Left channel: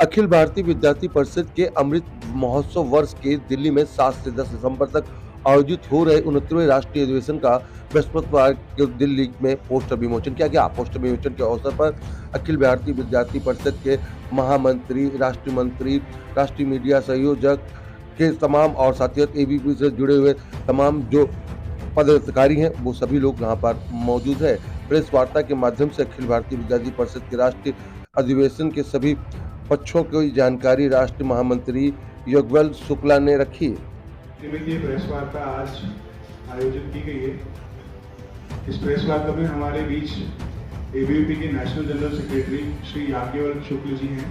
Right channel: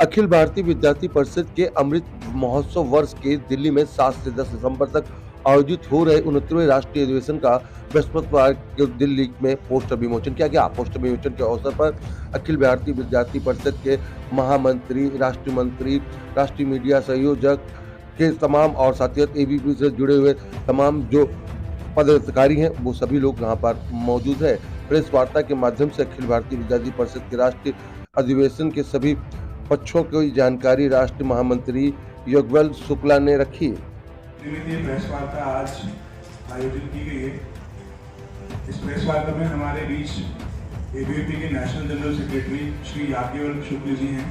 अखिल भारतीय विद्यार्थी परिषद के अमृत महोत्सव वर्ष के दिल्ली में 7 से 10 दिसंबर तक आयोजित हो रहे 69वें राष्ट्रीय अधिवेशन का बृहस्पतिवार को दिल्ली में पोस्टर विमोचन किया गया। पोस्टर विमोचन के अवसर पर अखिल भारतीय विद्यार्थी परिषद के महामंत्री, राष्ट्रीय मंत्री, राष्ट्रीय मीडिया संयोजक के तमाम और साथ ही एबीपी से जुड़े हुए तमाम जो पदाधिकारी हैं वो सभी लोग यहाँ पर मौजूद है। प्रेस वार्ता के माध्यम से अखिल भारतीय विद्यार्थी परिषद के राष्ट्रीय अधिवेशन के सभी पक्षों की जानकारी राष्ट्रीय महामंत्री युगल शुक्ला ने रखी। प्रेस वार्ता आज आयोजित की गई है। इस प्रेस वार्ता में हमारे बीच एबीवीपी के national general secretary Shri Yagyavalkya Shukla ji हैं,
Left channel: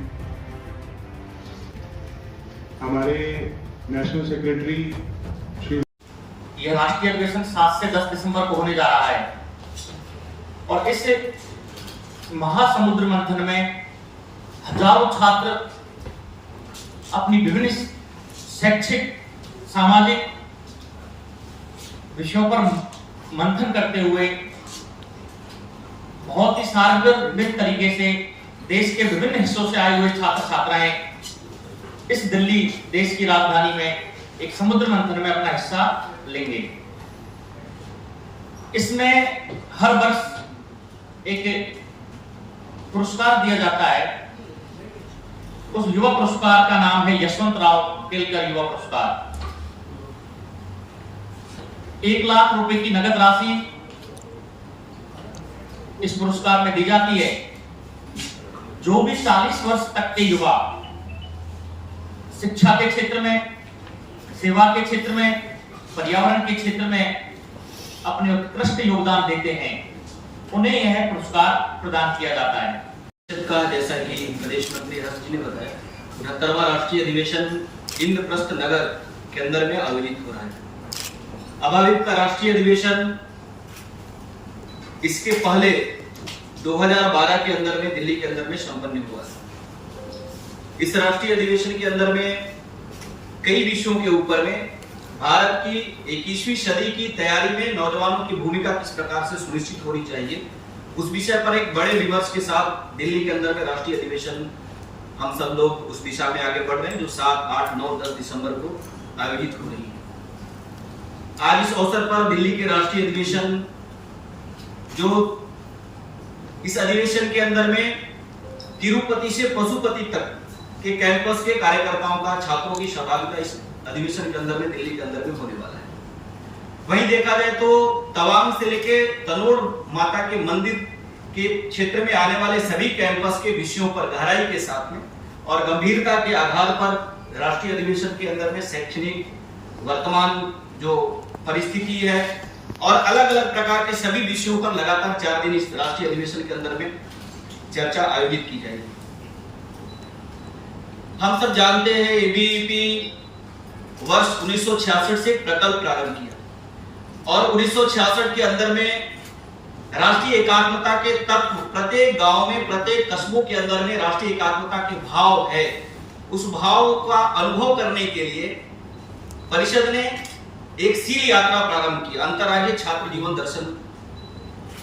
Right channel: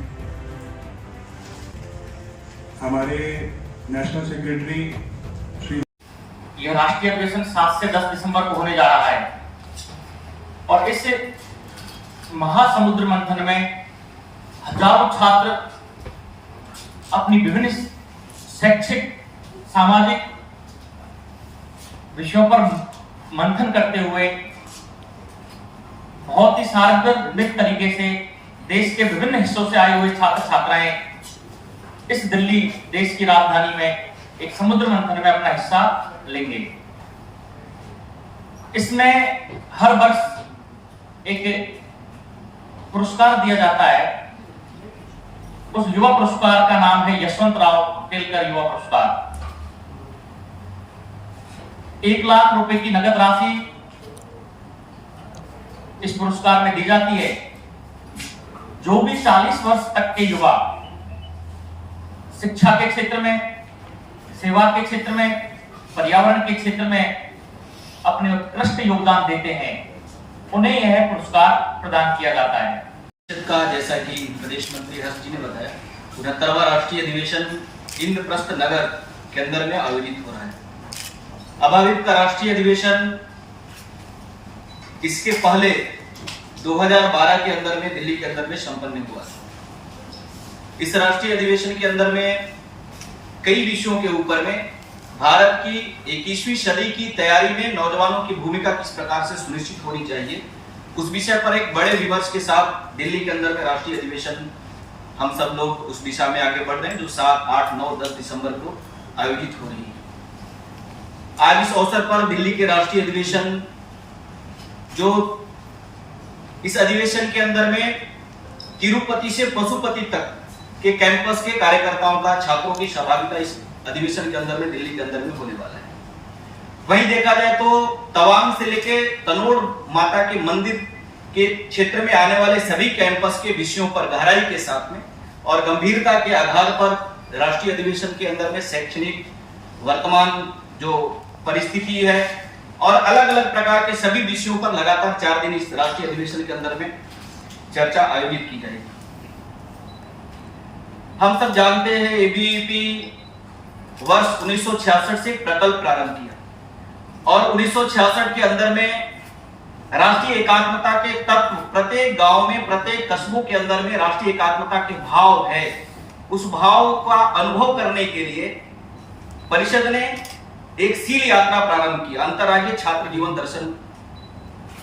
हमारे नेशनल सेक्रेटरी श्री। यह राष्ट्रीय अधिवेशन 7 से 10 दिसंबर को होने जा रहा है और इस महासमुद्र मंथन में हजारों छात्र अपनी विभिन्न शैक्षिक, सामाजिक विषयों पर मंथन करते हुए बहुत ही सार्वजनिक तरीके से देश के विभिन्न हिस्सों से आए हुए छात्र छात्राएं इस दिल्ली देश की राजधानी में एक समुद्र मंथन में अपना हिस्सा लेंगे। इसमें हर वर्ष एक पुरस्कार दिया जाता है। उस युवा पुरस्कार का नाम है यशवंतराव केलकर युवा पुरस्कार। 1 लाख रुपए की नगद राशि इस पुरस्कार में दी जाती है। जो भी 40 वर्ष तक के युवा शिक्षा के क्षेत्र में, सेवा के क्षेत्र में, पर्यावरण के क्षेत्र में अपने उत्कृष्ट योगदान देते हैं, उन्हें यह पुरस्कार प्रदान किया जाता है। का जैसा कि प्रदेश मंत्री हर्ष जी ने बताया, 69वां राष्ट्रीय अधिवेशन इंद्रप्रस्थ नगर के अंदर में आयोजित हो रहा है। अभावित का राष्ट्रीय अधिवेशन इसके पहले 2012 के अंदर में दिल्ली के अंदर में संपन्न हुआ। इस राष्ट्रीय अधिवेशन के अंदर में कई विषयों के ऊपर में भारत की 21वीं सदी की तैयारी में नौजवानों की भूमिका किस प्रकार से सुनिश्चित होनी चाहिए, उस विषय पर एक बड़े विमर्श के साथ दिल्ली के अंदर में राष्ट्रीय अधिवेशन हम सब लोग उस दिशा में आगे बढ़ रहे हैं, जो 7, 8, 9, 10 दिसंबर को आयोजित हो रही है। आज इस अवसर पर दिल्ली के राष्ट्रीय अधिवेशन, जो इस अधिवेशन के अंदर में तिरुपति से पशुपति तक के कैंपस के कार्यकर्ताओं का, छात्रों की सहभागिता इस अधिवेशन के अंदर में दिल्ली के अंदर में होने वाला है। वहीं देखा जाए तो तवांग से लेके तनोड़ माता के मंदिर के क्षेत्र में आने वाले सभी कैंपस के विषयों पर गहराई के साथ में और गंभीरता के आधार पर राष्ट्रीय अधिवेशन के अंदर में शैक्षणिक वर्तमान जो परिस्थिति है और अलग अलग प्रकार के सभी विषयों पर लगातार 4 दिन इस राष्ट्रीय अधिवेशन के अंदर में चर्चा आयोजित की जाएगी। हम सब जानते हैं एबीवीपी वर्ष 1966 से प्रकल्प प्रारंभ किया और 1966 के अंदर में राष्ट्रीय एकात्मता के तत्व प्रत्येक गांव में, प्रत्येक कस्बों के अंदर में राष्ट्रीय एकात्मता के भाव है। उस भाव का अनुभव करने के लिए परिषद ने एक सील यात्रा प्रारंभ की, अंतर्राज्यीय छात्र जीवन दर्शन।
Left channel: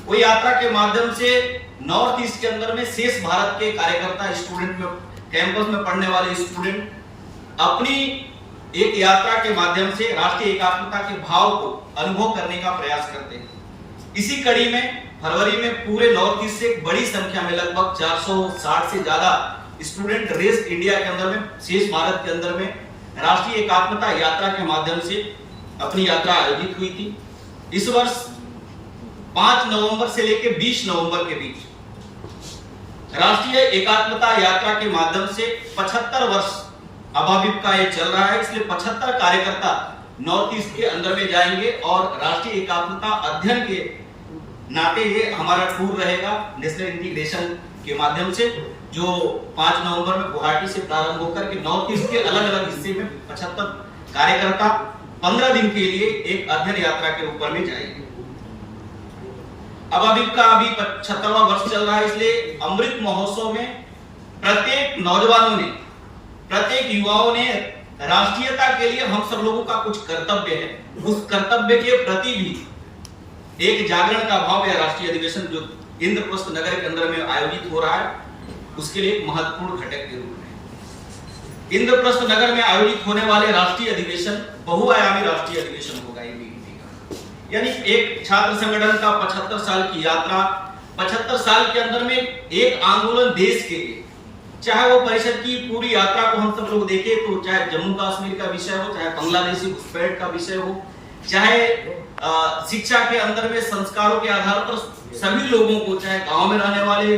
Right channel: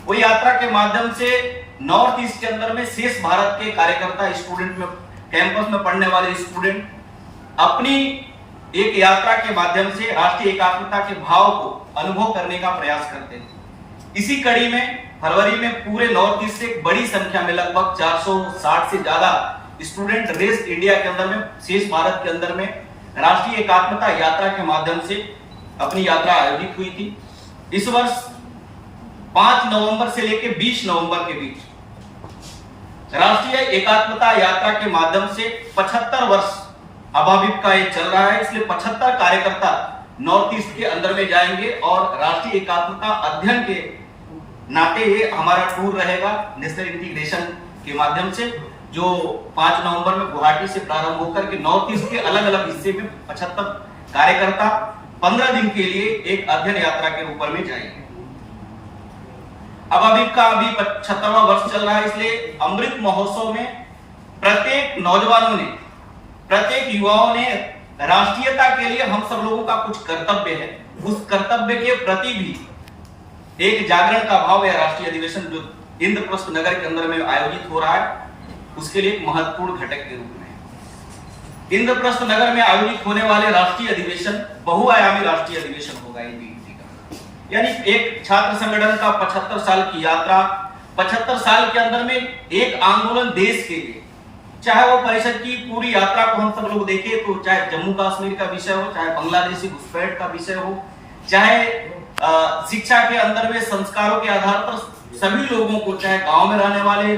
वो यात्रा के माध्यम से नॉर्थ ईस्ट के अंदर में शेष भारत के कार्यकर्ता, स्टूडेंट में, कैंपस में पढ़ने वाले स्टूडेंट अपनी एक यात्रा के माध्यम से राष्ट्रीय एकात्मता के भाव को अनुभव करने का प्रयास करते हैं। इसी कड़ी में फरवरी में पूरे नॉर्थ ईस्ट से एक बड़ी संख्या में लगभग 460 से ज्यादा स्टूडेंट रेस्ट इंडिया के अंदर में, शेष भारत के अंदर में राष्ट्रीय एकात्मता यात्रा के माध्यम से अपनी यात्रा आयोजित हुई थी। इस वर्ष 5 नवंबर से लेकर 20 नवंबर के बीच राष्ट्रीय एकात्मता यात्रा के माध्यम से 75 वर्ष अभावित का ये चल रहा है। इसलिए 75 कार्यकर्ता नॉर्थ ईस्ट के अंदर में जाएंगे और राष्ट्रीय एकात्मता अध्ययन के नाते ये हमारा टूर रहेगा नेशनल इंटीग्रेशन के माध्यम से, जो 5 नवंबर में गुवाहाटी से प्रारंभ होकर के नॉर्थ ईस्ट के अलग अलग हिस्से में 75 कार्यकर्ता 15 दिन के लिए एक अध्ययन यात्रा के ऊपर में जाएंगे। अभावित का अभी 75वां वर्ष चल रहा है, इसलिए अमृत महोत्सव में प्रत्येक नौजवानों ने, प्रत्येक युवाओं ने राष्ट्रीयता के लिए हम सब लोगों का कुछ कर्तव्य है, उस कर्तव्य के प्रति भी एक जागरण का भाव या राष्ट्रीय अधिवेशन जो इंद्रप्रस्थ नगर के अंदर में आयोजित हो रहा है, उसके लिए एक महत्वपूर्ण घटक के रूप में इंद्रप्रस्थ नगर में आयोजित होने वाले राष्ट्रीय अधिवेशन बहुआयामी राष्ट्रीय अधिवेशन होगा एबीवीपी का। यानी एक छात्र संगठन का 75 साल की यात्रा, 75 साल के अंदर में एक आंदोलन देश के लिए, चाहे वो परिषद की पूरी यात्रा को हम सब लोग देखें तो चाहे जम्मू कश्मीर का विषय हो, चाहे बांग्लादेशी घुसपैठ का विषय हो, चाहे शिक्षा के अंदर में संस्कारों के आधार पर सभी लोगों को, चाहे गांव में रहने वाले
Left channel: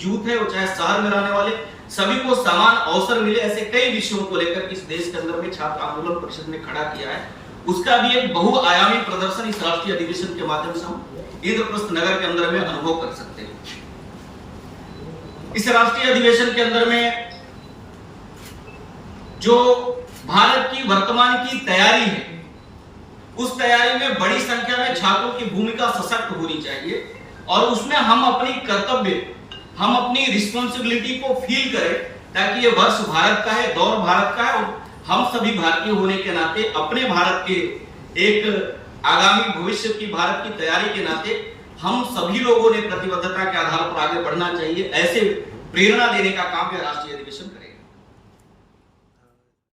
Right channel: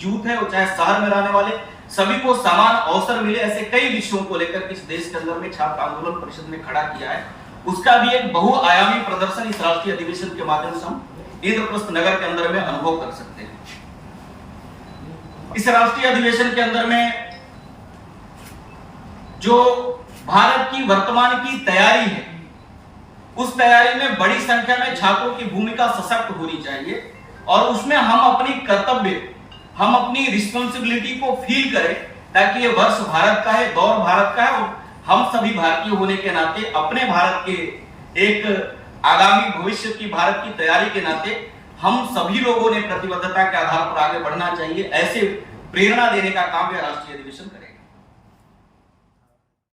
यूथ है और चाहे शहर में रहने वाले सभी को समान अवसर मिले, ऐसे कई विषयों को लेकर इस देश के अंदर में छात्र आंदोलन परिषद ने खड़ा किया है। उसका भी एक बहुआयामी प्रदर्शन इस राष्ट्रीय अधिवेशन के माध्यम से हम इंद्रप्रस्थ नगर के अंदर में अनुभव कर सकते हैं। इस राष्ट्रीय अधिवेशन के अंदर में जो भारत की वर्तमान की तैयारी है, उस तैयारी में बड़ी संख्या में छात्रों की भूमिका सशक्त होनी चाहिए और उसमें हम अपनी कर्तव्य, हम अपनी रिस्पॉन्सिबिलिटी को फील करें, ताकि ये वर्ष भारत का है, दौर भारत का है और हम सभी भारतीय होने के नाते अपने भारत के एक आगामी भविष्य की भारत की तैयारी के नाते हम सभी लोगों ने प्रतिबद्धता के आधार पर आगे बढ़ना चाहिए। ऐसे प्रेरणा देने का काम यह राष्ट्रीय अधिवेशन करेगा।